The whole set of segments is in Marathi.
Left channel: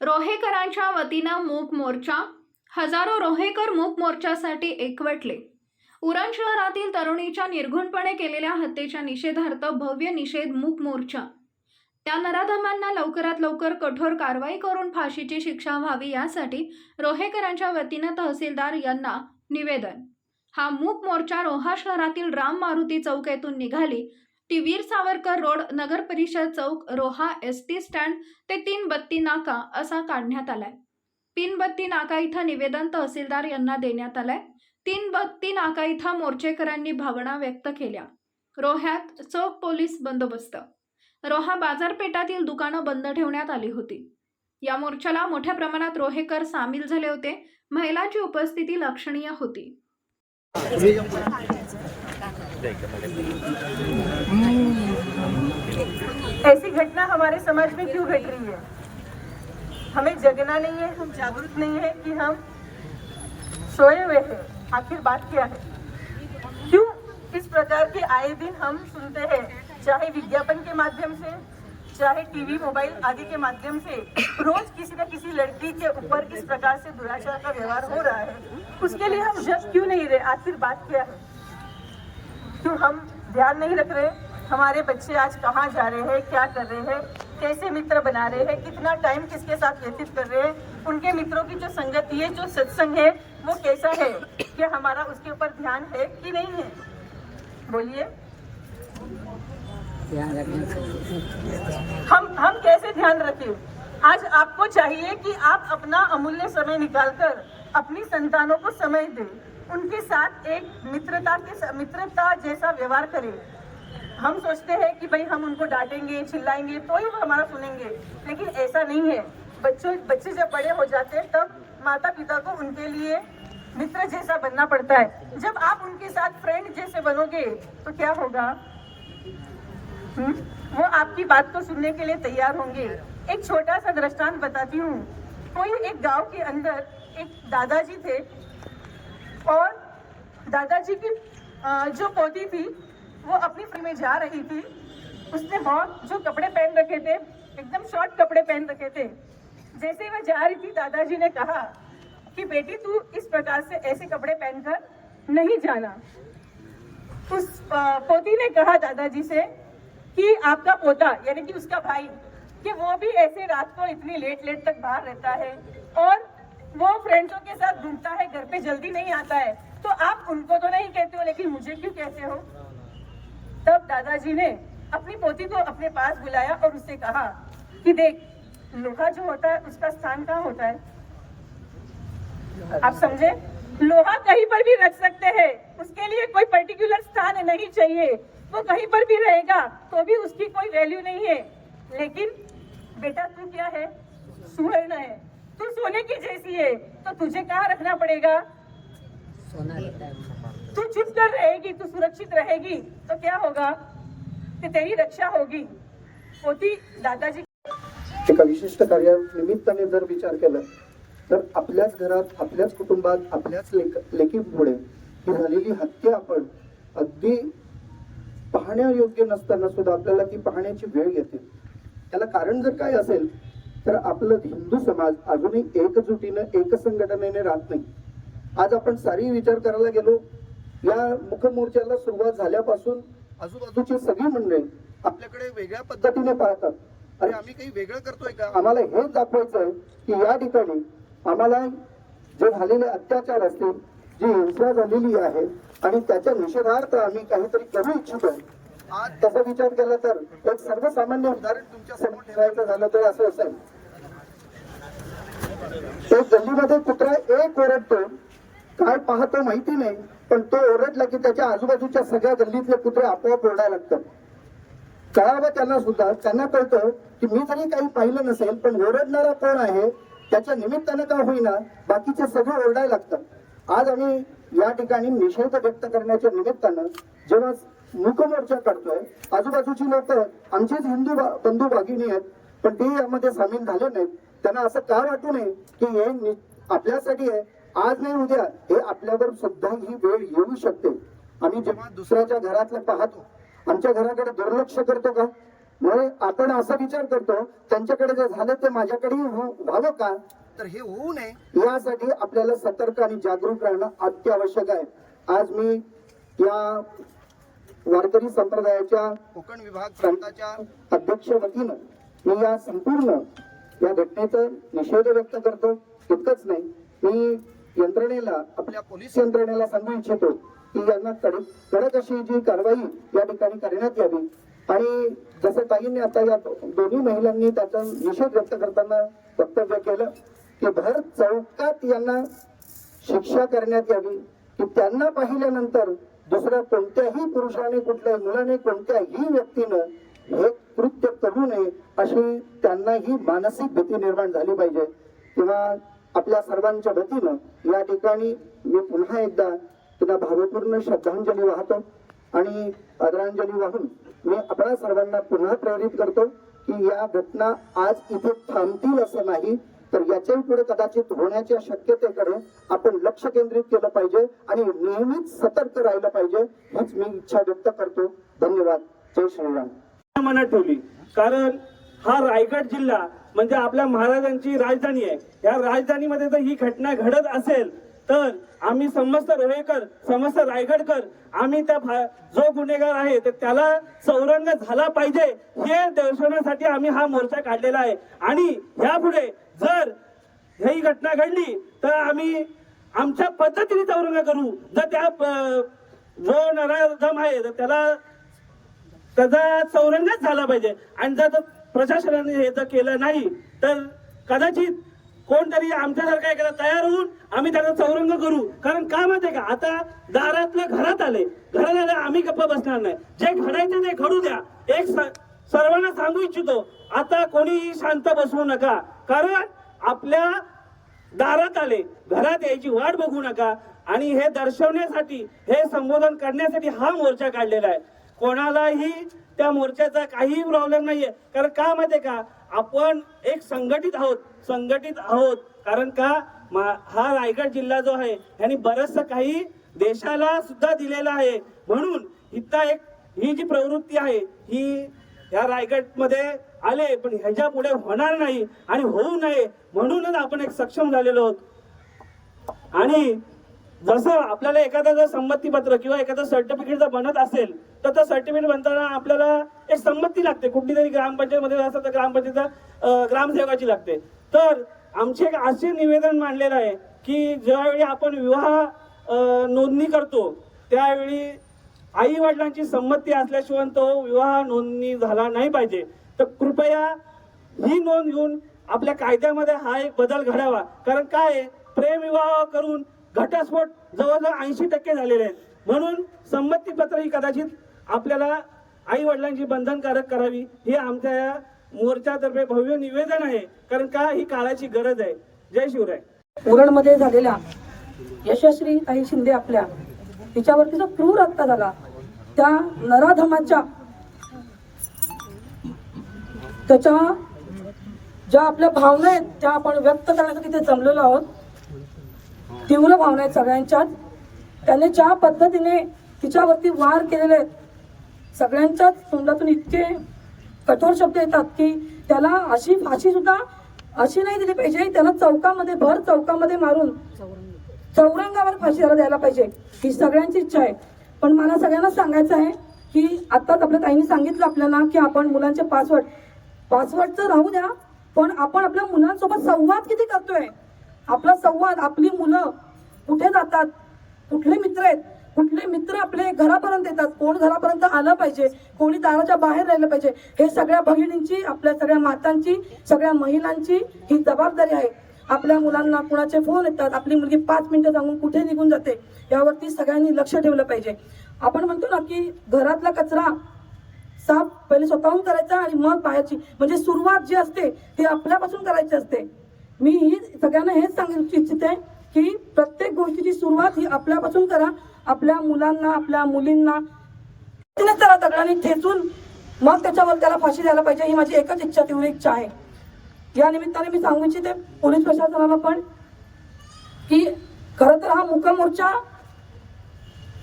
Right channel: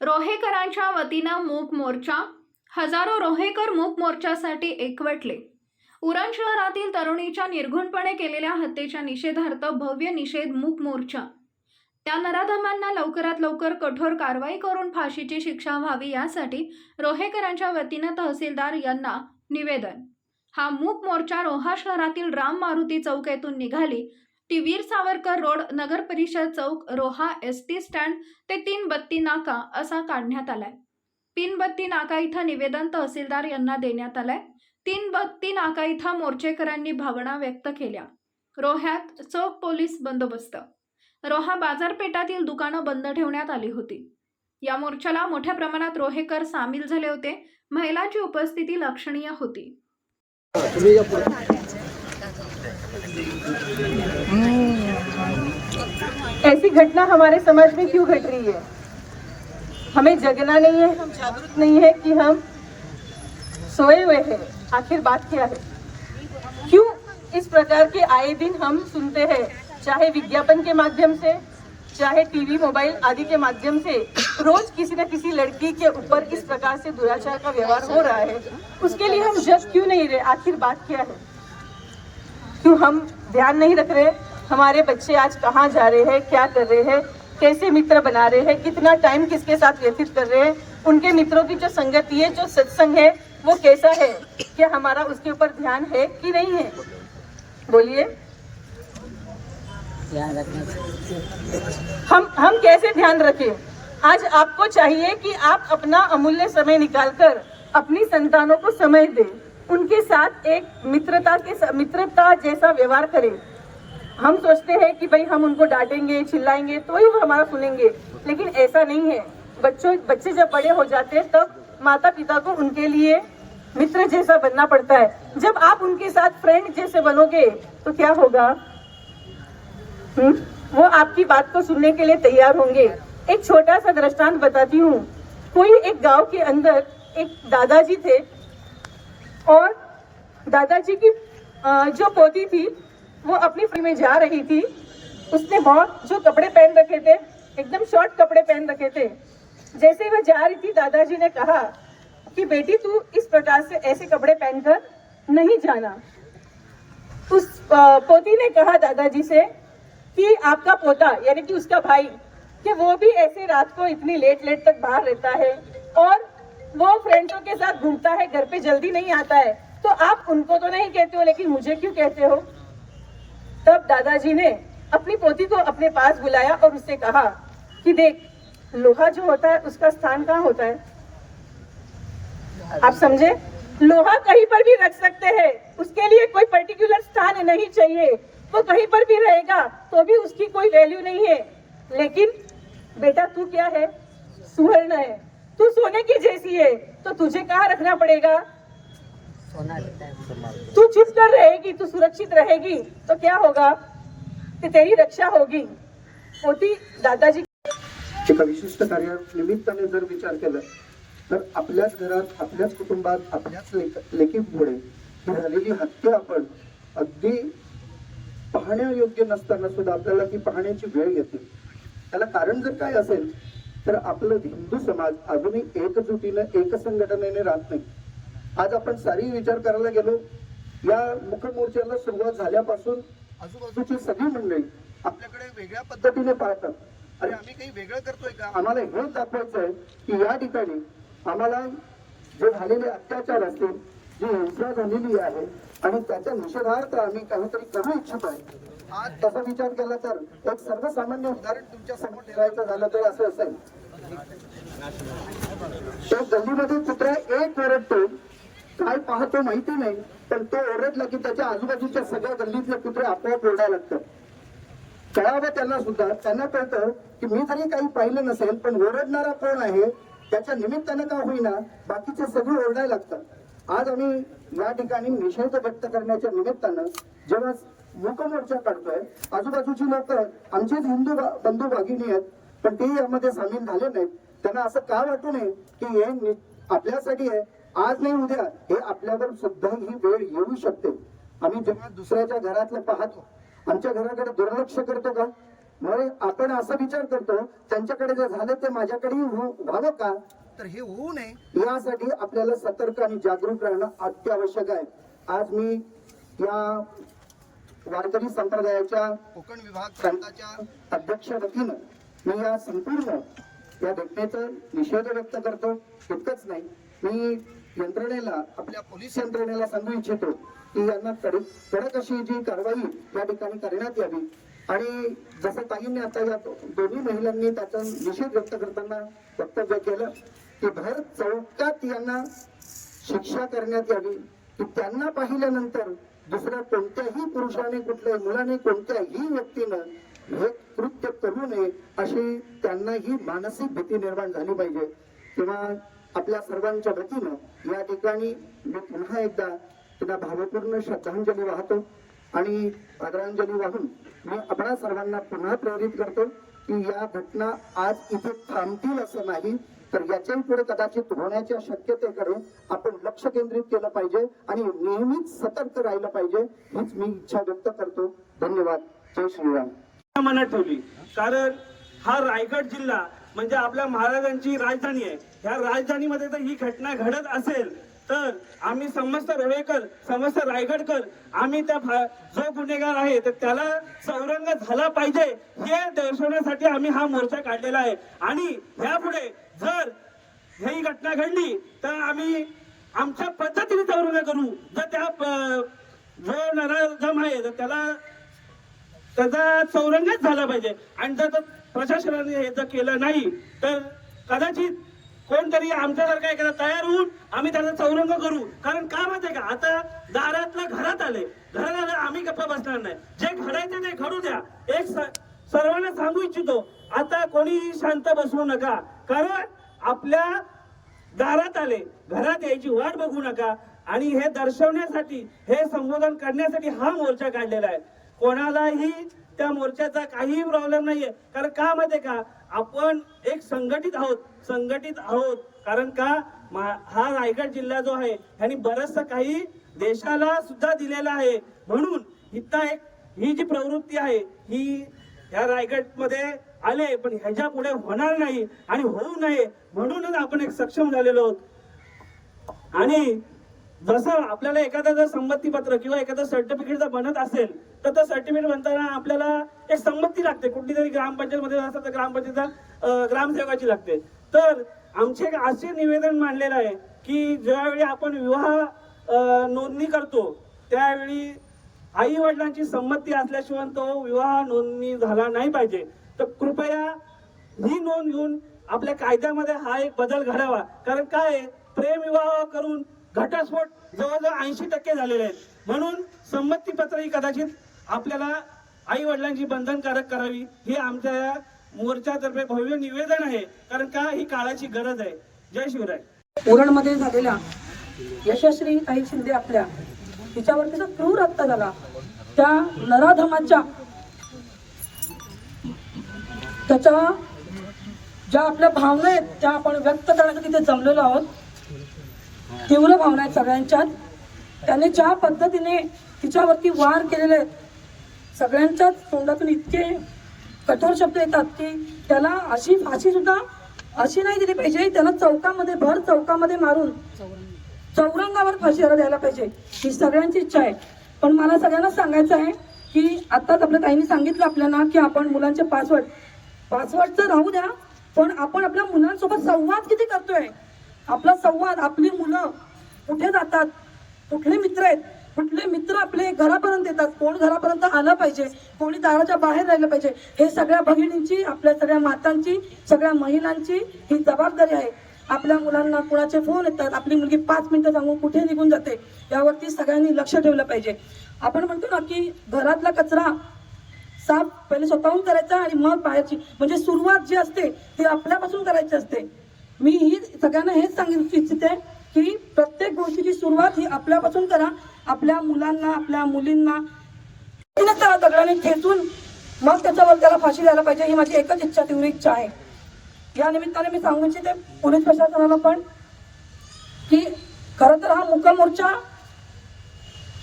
रोहेकरांच्या वतीनं मूक मोर्चा हजारो रोहेकर मूक मोर्चासाठी एकवटले. उरण शहरातील तरुणीच्या निर्घुणपणे केलेल्या हत्येच्या निषेधार्थ भव्य निषेध मूक मोर्चा. त्या नराधमांना लवकरात लवकर कठोर कारवाई करून फाशीची शिक्षा व्हावी यासाठी रोहेकरांच्या वतीनं तहसीलदार यांना निवेदन. हा मूक मोर्चा रोहा शहरातील राम मारुती चौक येथून निघाली. टीवीर सावरकर रोड नगर परिषद चौक रोहा एस टी स्टँड ते तीन बत्ती नाका असा काढण्यात आलाय. तीन बत्ती नाका इथं निवेदन तहसीलदार यांना देण्यात आलंय. तीन बत्ती नाका इथं मोर्चेकरांनी भावना व्यक्त केल्या. रोह्यात चौक पोलीस बंदोबस्त. रोहा बाजारपेठातील दुकानं बंद ठेवण्यात आली होती. या मोर्चाला मोठ्या प्रमाणात रोहेकर सामील झाले होते. महिलांची उपस्थिती लक्षणीय होती. ऐसी घटना हमारे समाज में क्यों घट रही है? हमें जगना नहीं है, हम जागरूक नहीं है कि हम सोए हुए हैं। आखिर बात क्या है? क्यों इस प्रकार के आए दिन हम सुनते हैं? चाहे विज्ञापन के माध्यम से, चाहे टीवी, मोबाइल आदि के माध्यम से, रोज किसी न किसी लड़की के ऊपर इस प्रकार से दुराचार का व्यवहार हो रहा है। उसके लिए हम जग क्यों नहीं रहे? आखिर बात क्या है? क्यों हम ध्यान नहीं रख रहे? हमारे बच्चे आज कहाँ जा रहे हैं? क्या कर रहे हैं? कैसे मित्र बना रहे हैं? कितना टाइम किसके साथ व्यतीत कर रहे हैं? उनके मित्रों की जो संगति है जो सत्संग है वो कैसा है? क्या हमारा उसके ऊपर ध्यान है कि नहीं है? बोलिए। ध्यान रखना हम हम कैसे ध्यान रखें? आज आपको चाहिए कि आप अपना अमूल्य समय निकालकर अपनी संतानों को समय दें। उनके साथ एक मित्रता के मित्रता जैसा व्यवहार करें। हम सोचते हैं कि भाई हम उनको डांटेंगे, चिल्लाएँगे तो ही वो हमारा सुनेंगे। लेकिन ऐसा नहीं है। बच्चों, बच्चे जब बड़े हो जाते हैं, तब माता पिता को उनके लिए मित्र जैसा बनना पड़ता है। जब आप उनके साथ फ्रेंड जैसे बनोगे तो क्या होगा? हम्म? वो आपकी बात को सुनने के लिए तैयार होंगे। एक छोटा सा दृष्टांत बताती हूँ। कोई एक गाँव के अंदर एक दादाजी थे दादाजी की जो पोती थी, वो अपनी फ्री में जा रही थी। उसने बहुत जो कपड़े पहन रखे थे, एकदम शॉर्ट कपड़े पहन रखे थे। जैसे वह जा रही थी, दादाजी ने कहा कि, बेटी, तू इस प्रकार से ऐसे कपड़े पहनकर नहीं जाना। उस पोती ने कहा दादाजी से कि आपका पोता, यानी कि उसका भाई, कि वो भी ऐसी रात को इतनी लेट लेट तक बाहर रहता है और वो फ्रेंड्सों के साथ घूमता है, घर पे जल्दी नहीं आता है। तो आप उनको तो नहीं कहते हो, लेकिन मुझे क्यों कहते हो? तब दादाजी ने अपनी पोती को अपने पास बुलाया और उससे कहा कि देख, लोहा जो होता है, उसका स्थान कहाँ होता है? आप समझे? लोहा कहीं पर भी रख सकते हैं। उसके लिए कोई पर्टिकुलर स्थान नहीं चाहिए। वो कहीं पर भी रहेगा तो भी उसकी कोई वैल्यू नहीं है। लेकिन, बेटा तू क्या है? सुवर्ण है। तू सोने की जैसी है तो तुझे कहाँ रखना पड़ेगा? है तू चुप कर रहेगी तू सुरक्षित रहेगी तो क्या होगा? कि तेरी रक्षा होगी। होती दादाजी एका विशिष्ट कार्या निमित्ताने जर विचार केला तर आपल्याच घरात आपल्याच कुटुंबात आपल्याच लेख लेकीपुढे ही झालेली हत्या आपण अगदी पाहण्यायोग्य नसताना सुद्धा आपल्याला ती पाहण्याची वेळ येते. त्याला कारण जर काय असेल तर आपलं हिंदू समाज अजूनही एकजुटीनं एक संघटनेने राहत नाही. आज आपण सारी विचार करायला गेलो या मुखमोर्चाला सुरुवात झाल्यापासून आजूबाजूची सगळी मंडळी आपल्याकडे वेगळ्या पद्धतीने पाहतात. आणि आम्ही काही वेगळं करतोय का? आम्हाला हेच दाखवायचं आहे की या ठिकाणी आम्हाला जे झालेले अत्याचार असतील जी हिंसा झालेली आहे आणि त्याच्या निषेधार्थ आम्ही काहीतरी करू इच्छितोय आज विचार केला तर एक सर्वसामान्य उदाहरण तुमच्यासमोर ठेवायचं झालं तर असं असेल. तो गल्लीमध्ये कुत्रा एक ओरडतो. काय पाहतो माहिती नाही पण तो ओरडला की त्याच्या आजूबाजूच्या सगळ्या गल्लीतले कुत्रे आपोआप ओरडायला लागतात. कळावं त्यांना सुद्धा त्यांना कळतं की मी जरी काही पाहिलं नसेल पण ओरडणारा कोण आहे त्याच्या निमित्तानं का होईना बाकीचे सगळे ओरडायला लागतात. आज आम्ही या ठिकाणी निषेध व्यक्त करण्याच्या निमित्तानं जेव्हा मुखमोर्चा काढतोय. आजूबाजूची लोक आमचेच हिंदू बंधू भगिनी आहेत पण ते यामध्ये सामील झाले नाहीत. त्यांना असं का वाटू नये की हे आपल्यासाठी आहे? आज नाही उद्या. हे आपल्यावर सुद्धा ही वेळ येऊ शकते. आम्ही जेव्हा दुसऱ्याच्या घरातलं पाहतो आमच्या घराकडे दुर्लक्ष करतो का? म्हणजे आपण असा विचार करतो त्यांच्याकडे जे झालं ते माझ्याकडेही हो-, व्हावं का? तर हे होऊ नये. यासाठी आपल्याला सतर्क आणि जागरूक राहणं अत्यावश्यक आहे. आज मी या वारकरी संप्रदायाच्या कोकण विभाग प्रांताच्या अध्यक्ष वतीनं मी या संपूर्ण या घटनेचा निषेध व्यक्त करतो. इतकंच नाही मी यंत्रणेला आपल्या पोलीस यंत्रणेला सांगू इच्छितो की यांना कडक कडक अशी जी कारवाई या ठिकाणी करण्यात यावी. आणि जसं ताईंनी आता या दोन्ही महिलांनी त्याचा निषेध व्यक्त करताना वक्तव्य केलं की भर चौकात यांना शिक्षा करण्यात यावी की त्यांना पाहिल्यानंतर दुसऱ्या कोणत्याही पुरुषाने कुठल्या मुलाने कोणत्याही व्यक्तीनं हे कृत्य करू नये अशी त्यांनाही मानसिक भीती निर्माण झाली पाहिजे. किंवा आपल्या सर्वांच्या वतीनं या ठिकाणी मी पुन्हा एकदा त्यांना भावपूर्ण श्रद्धांजली वाहतो. आणि आदरांजली वाहून मी आपणा सर्वांना पुन्हा प्रेरित करतो की या घटना आज इथे थांबतील असं नाही तर याच्याही पुढे कदाचित होण्याच्या शक्यतेकडे आपण लक्ष केंद्रित केलं पाहिजे आणि नेहमीच सतर्क राहिलं पाहिजे हीच मी इच्छा व्यक्त करतो. धन्यवाद. जय श्रीराम. मनात ठेवली. कारण हा रायगड जिल्हा म्हणजे आपल्या महाराजांची राजधानी आहे. या राजधानीमध्ये जर ही घटना घडत असेल तर आम्ही समस्त रोहेकर समस्त रायगडकर आम्ही त्या जो गुन्हेगार आहे तर त्याला सौरंग झाला पाहिजे हे दर्शवण्यासाठी आम्ही हा मोर्चा काढलेला आहे. आणि ह्यापुढे जर ही घटना घडली तर आम्ही आमच्या पद्धतीने चौरंग करू. जर त्या प- जो नराधम आहे तर त्याला त्याचा चौरंगच झाला पाहिजे. आणि जर प्रशासनाने हे जर केलं नाही तर कदाचित कोणतरी आमच्यासारखा एखादा तयार होऊन आम्ही त्याचा चौरंग करू. कारण का माहितीये का? आता दारातलं घरात आले. घरात आलं आम्ही गप्प बसणार नाही. जे घडायचं ते घडू द्या. एक स- सर्वांना सांगू इच्छितो. आता कोणीही शांत बसवू नका. कारण आपल्या दारात आले घरात यायची वाट बघू नका. आणि हे दर्शवण्यासाठी हे संबोधन करण्यासाठी हा मोर्चा काढलेला आहे. कोणालाही त्या मोर्चाचा काहीही प्रॉब्लेम नाहीये. कारण का माहितीये का? आपण एक संघटित आहोत संघटित आहोत. कारण का? मा- हा रायगड जिल्हा जो आहे ह्यानी बरचसं काही देशाला सुद्धा दिलेला आहे. म्हणून इथं एक ही जी प्रवृत्ती आहे ही या रायगडमध्ये आले पण ह्याच्या पुढे होणार नाही आणि होऊ नये म्हणूनच आपण एक सक्षम झालेलो आहोत. आणि जसं आपल्याला एखादं जर संमतीपत्र किंवा एखादं सर्टिफिकेट जर बनत असेल तर ते सर्टिफिकेट बनताना आपल्याला एक संमती लागते. कुठली तरी ग्रामपंचायतमध्ये असं तर ग्रामपंचायत ग्रामसेवकाची लागते. तर आमचे एक असे निवेदन मांडलेलं आहे की ज्यावेळी आपण विवाह नोंदणी करतो त्यावेळी आई वडिलांची संमती असल्याशिवाय तो विवाह नोंदणी झाला नाही पाहिजे. तर कृपया ही नोंद घेऊन आपल्या कायद्यामध्ये हा एक बदल घडावा. कारण काय प्रेम विवाह करून घटस्फोट जवळजवळ ऐंशी टक्के झालेले आहेत. म्हणून संमती पत्र ही कदाचित आपल्याला आई वडिलांची बंधनकारक करावी. हे आमच्या या मोर्चातर्फे भव्य निवेदन आहे. कारण का? ही काळाची गरज आहे. जय शिवराय. उरणमध्ये झालेल्या यशस्वी ताई शिंदे आपल्या तिच्यावरती जो क्रूर हत्या झाला त्या नराधमाच्या त्याच्या ज्या आपल्या भावना आहेत त्या आपण व्यक्त करण्यासाठी ते जमलेलो आहोत. तीव्र भावना आहेत सगळ्यांच्यात त्याने ज्या पद्धतीने तिच्यावरती वार केलेले आहेत सगळ्यांच्याच तोंडातून इतके कठोर शब्द येतात की त्याला अशी फाशी सुद्धा अशी नाही दिली पाहिजे. त्याला चौकामध्ये भर चौकामध्ये मारून चौरंगावर फाशीला द्यायला पाहिजे. ही सगळ्यांची इच्छा आहे. पण मला सगळ्यांना सांगायचं आहे की आत्ताच आपल्या ताईने सांगितलं आपल्याला की आपण मुलांचे पासवर्ड पासवर्ड तर राहू द्या पण आपण आपल्या मुलांसोबत संवाद किती करतोय? आपला संवाद आपली मुलं कुठे जातात? कुठले मित्र आहेत? कुठले मित्र आपले घरापर्यंत येतात? कोण घरापर्यंत आला पाहिजे? कोणी दाराच्या बाहेर राहिलं पाहिजे? हे सगळ्या बहिणींची आपल्या सगळ्या मातांची सगळ्या महिलांची ही जबाबदारी आहे. आपल्या मुलांना कुणाचे फोन येतात आपली मुलगी पाच मिनिटं सांगून कुठे निघून जाते यावरती सगळ्यांनी लक्ष ठेवलं पाहिजे. आपण म्हणतो ना की घरातला कचरा साफ पहिले स्वतःहून करायचा आणि मग बाहेरची. म्हणजे सुरुवात जी असते ती आपल्यापासून करायची असते. मी ही सगळ्यांना हेच सांगू इच्छिते की प्रत्येक गोष्टीची सुरुवात ही आपल्यापासून करा. आपल्या मुलांना आपल्या मुलींना तिने त्याला दगडाने ठेचून मग त्याच्यावर त्याला फाशी द्यायला पाहिजे ही माझी एकच इच्छा तीव्र इच्छा आहे. या निमित्ताने मी सांगू इच्छिते पोलीस प्रशासनाला पण की खरं तर हा मुका मोर्चा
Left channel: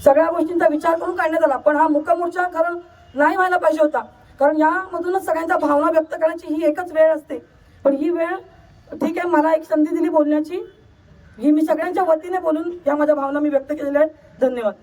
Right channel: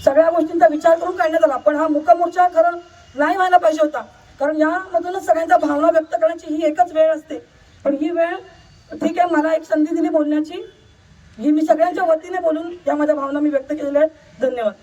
सगळ्या गोष्टींचा विचार करून काढण्यात आला पण हा मुका मोर्चा खरं नाही व्हायला पाहिजे होता. कारण यामधूनच सगळ्यांच्या भावना व्यक्त करण्याची ही एकच वेळ असते. पण ही वेळ ठीक आहे मला एक संधी दिली बोलण्याची. ही मी सगळ्यांच्या वतीने बोलून या माझ्या भावना मी व्यक्त केलेल्या आहेत. धन्यवाद.